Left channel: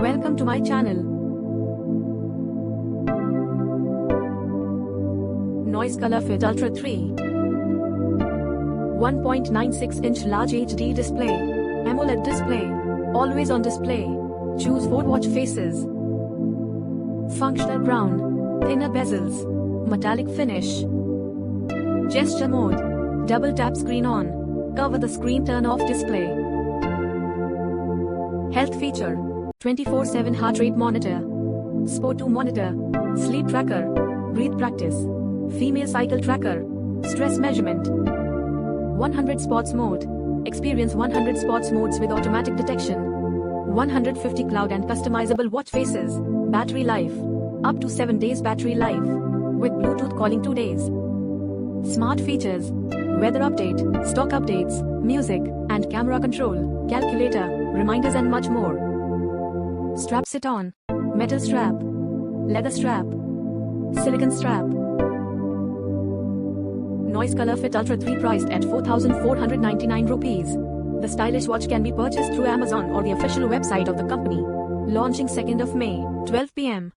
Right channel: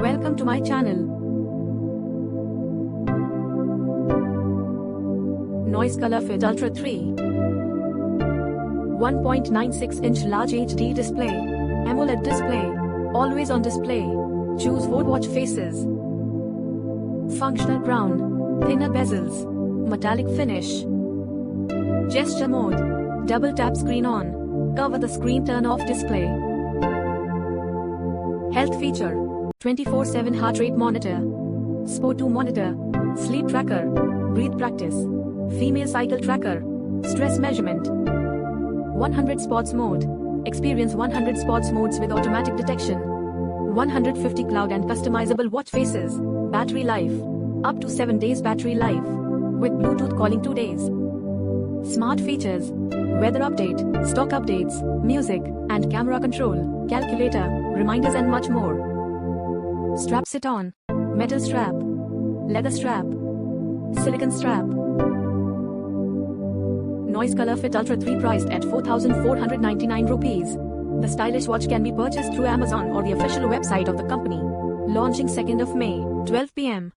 Welcome to my channel. Noise Colorfit Ultra 3 1.96-inch large HD display, Amoled display, always on display. Choose 4 watch faces. Functional crown, thinner bezels, metallic finish. Gesture mode, double tap screen on, cover the screen turn off display. Health feature, 24/7 heart rate monitor, SPO2 monitor, sleep tracker, breathe practice, female cycle tracker, stress measurement. 100 spots mode, experience 100 spots modes with automatic detection. 150 cloud and customizable watch faces, battery life, up to 7 days battery life, with Bluetooth calling 2 days. Smart features, weather update, stock updates, music, and camera control, calculator, reminders and much more. Strap sit on, metal strap, leather strap, silicone strap. Noise Colorfit Ultra 3 priced at 4,499 rupees. The stylish watch can be purchased through Amazon or the official website of the company. Launching 2nd of May, 12 p.m.